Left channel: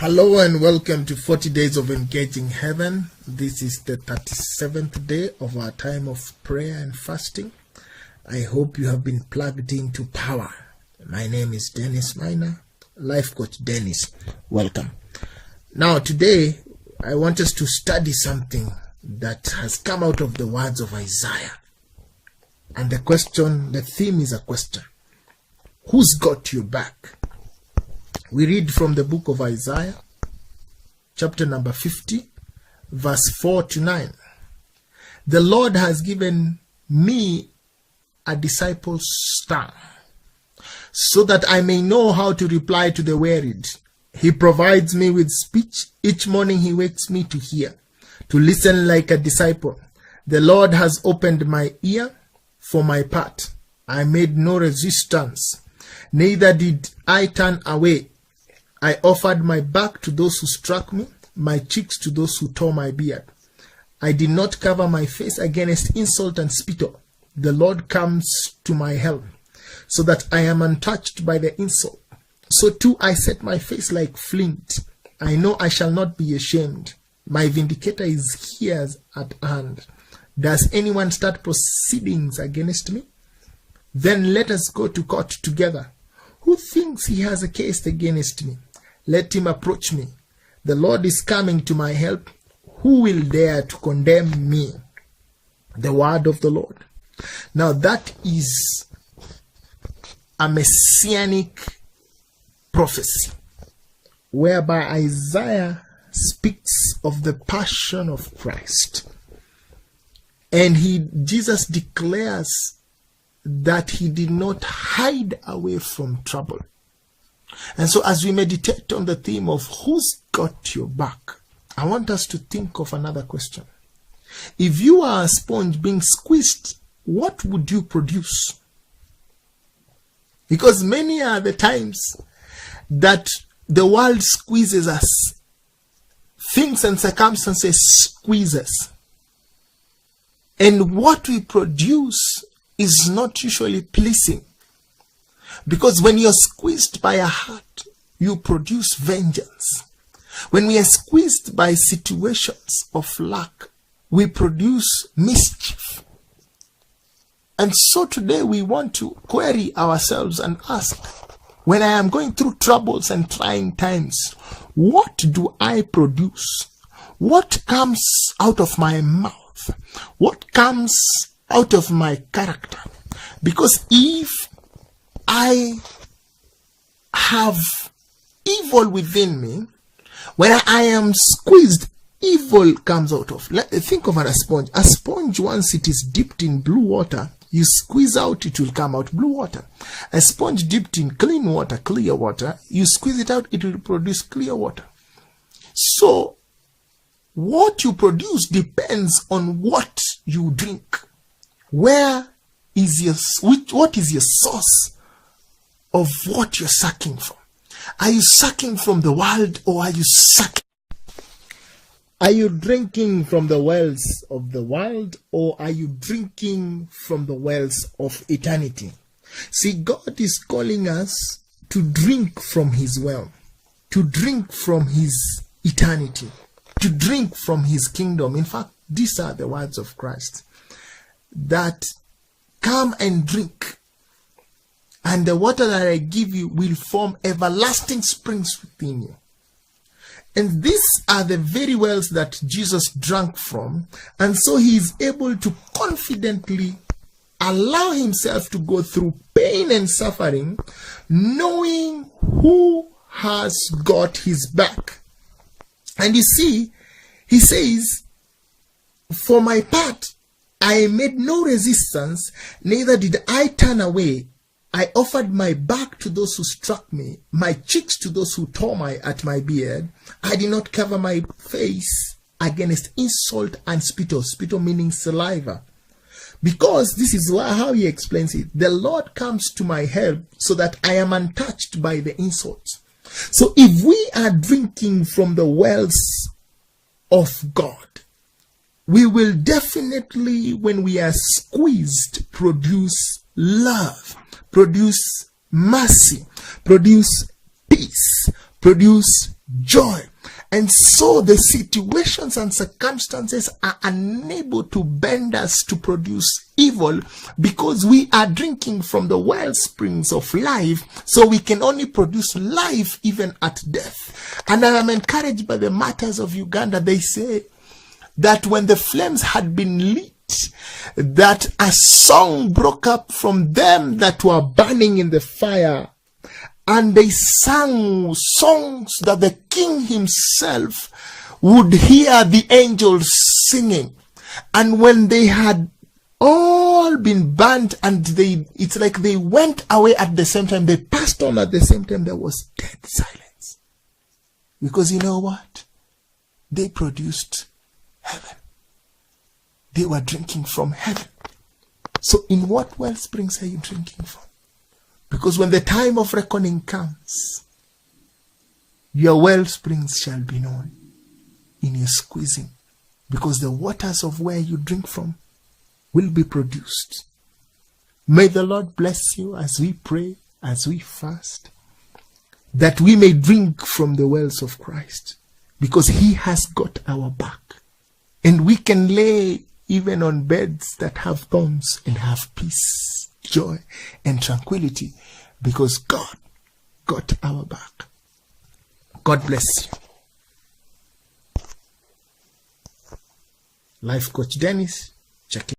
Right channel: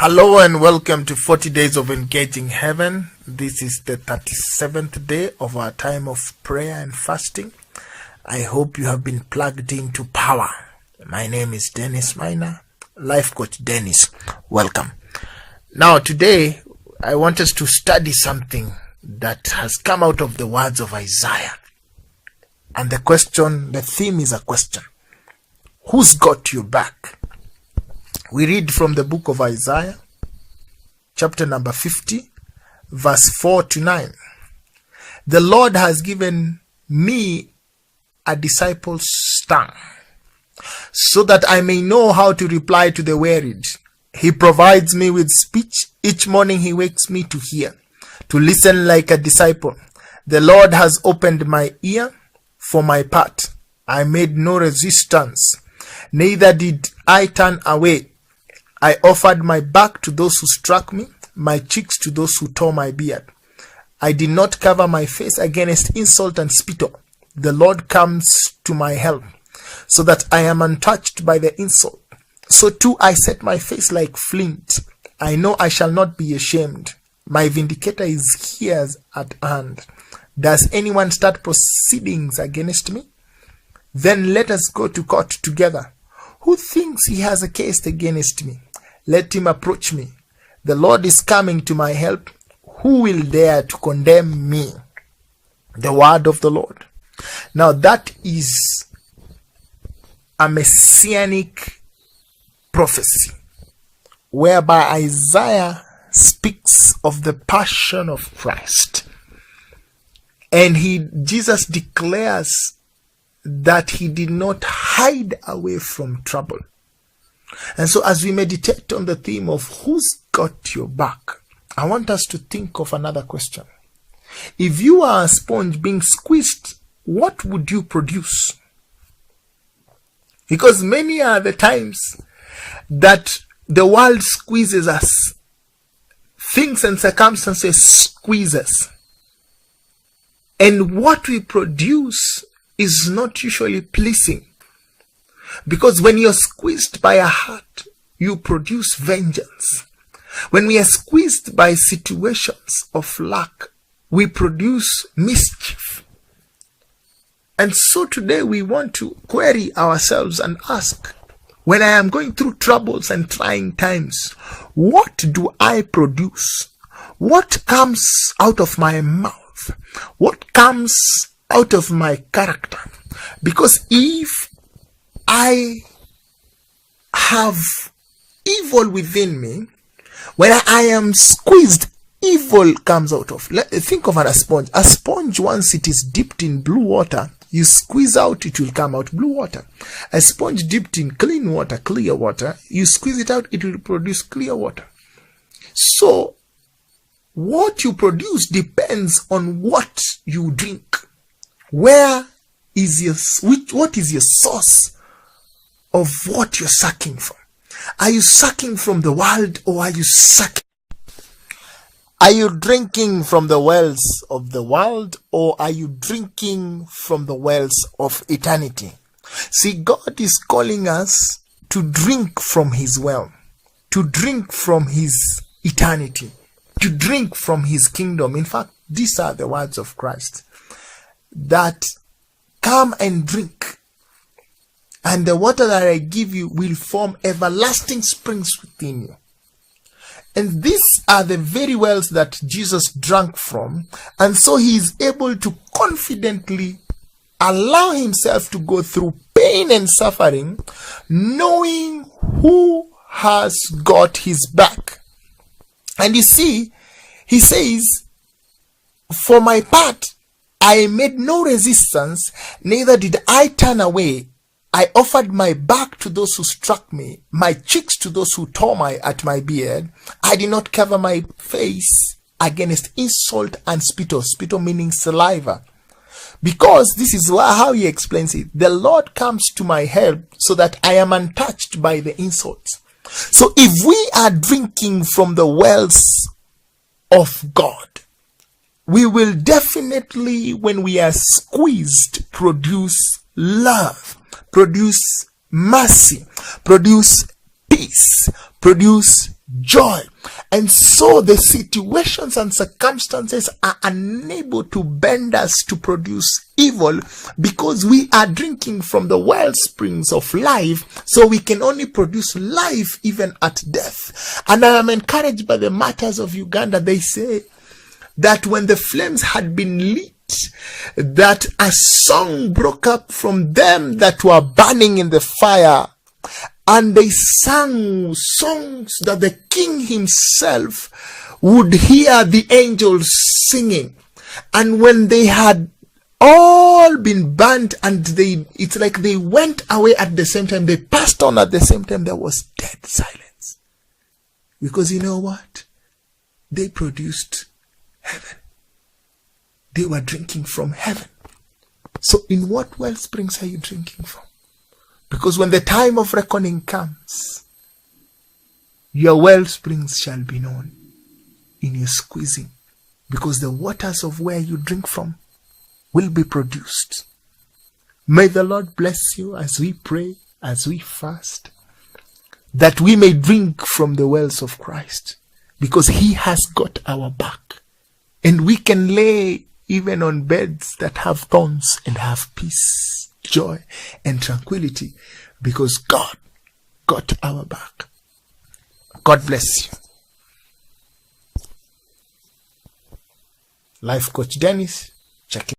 Hello and welcome to 40 Days of Engaging Heaven. This is the 37th day of our time of prayer and fasting. I hope you have been plugged into power. My name is Dennis Minor, Life Coach Dennis. Welcome. Now today, I want us to study something that has come out of the words of Isaiah. And the theme is a question. Who's got your back? We read from the book of Isaiah, chapter number 50, verse 4 to 9. The Lord has given me a disciple's tongue, so that I may know how to reply to the wearied. He provides me with speech. Each morning he wakes me to hear, to listen like a disciple. The Lord has opened my ear for my part. I made no resistance, neither did I turn away. I offered my back to those who struck me, my cheeks to those who tore my beard. I did not cover my face against insult and spittle. The Lord comes to my help, so that I am untouched by the insult. So too I set my face like flint. I know I shall not be ashamed. My vindicator is here at hand. Does anyone start proceedings against me? Then let us go to court together. Who thinks he has a case against me? Let him approach me. The Lord is coming to my help. Who will dare to condemn me? The word of the Lord. Now that is a messianic prophecy, whereby Isaiah speaks of the passion of Christ. And Jesus declares that he did not hide away from trouble. And so as we meditate on the theme of who's got your back, I want us to think of another question. If you are a sponge being squeezed, what would you produce? Because many are the times that the world squeezes us. Things and circumstances squeeze us. And what we produce is not usually pleasing. Because when you're squeezed by a heart, you produce vengeance. When we are squeezed by situations of lack, we produce mischief. And so today we want to query ourselves and ask, when I am going through troubles and trying times, what do I produce? What comes out of my mouth? What comes out of my character? Because if I have evil within me, when I am squeezed, evil comes out of. Think of a sponge. A sponge, once it is dipped in blue water, you squeeze out, it will come out blue water. A sponge dipped in clean water, clear water, you squeeze it out, it will produce clear water. So, what you produce depends on what you drink. What is your source of what you're sucking from? Are you sucking from the world, or are you drinking from the wells of the world, or are you drinking from the wells of eternity? See, God is calling us to drink from his well, to drink from his eternity, to drink from his kingdom. In fact, these are the words of Christ, that come and drink, and the water that I give you will form everlasting springs within you. And these are the very wells that Jesus drank from, and so he is able to confidently allow himself to go through pain and suffering, knowing who has got his back. And you see, he says, for my part, I made no resistance, neither did I turn away. I offered my back to those who struck me, my cheeks to those who tore at my beard. I did not cover my face against insult and spittle. Spittle meaning saliva. Because this is how he explains it. The Lord comes to my help, so that I am untouched by the insults. So if we are drinking from the wells of God, we will definitely, when we are squeezed, produce love, produce mercy, produce peace, produce joy. And so the situations and circumstances are unable to bend us to produce evil, because we are drinking from the well springs of life, so we can only produce life even at death. And I am encouraged by the martyrs of Uganda. They say that when the flames had been lit, that a song broke up from them that were burning in the fire, and they sang songs that the king himself would hear the angels singing. And when they had all been burnt, and it's like they went away at the same time, they passed on at the same time, there was dead silence. Because you know what? They produced heaven. They were drinking from heaven. So in what well springs are you drinking from? Because when the time of reckoning comes, your well springs shall be known in your squeezing, because the waters of where you drink from will be produced. May the Lord bless you as we pray, as we fast, that we may drink from the wells of Christ, because he has got our back, and we can lay even on beds that have thorns and have peace, joy, and tranquility, because God got our back. God bless you. Life Coach Dennis, check it.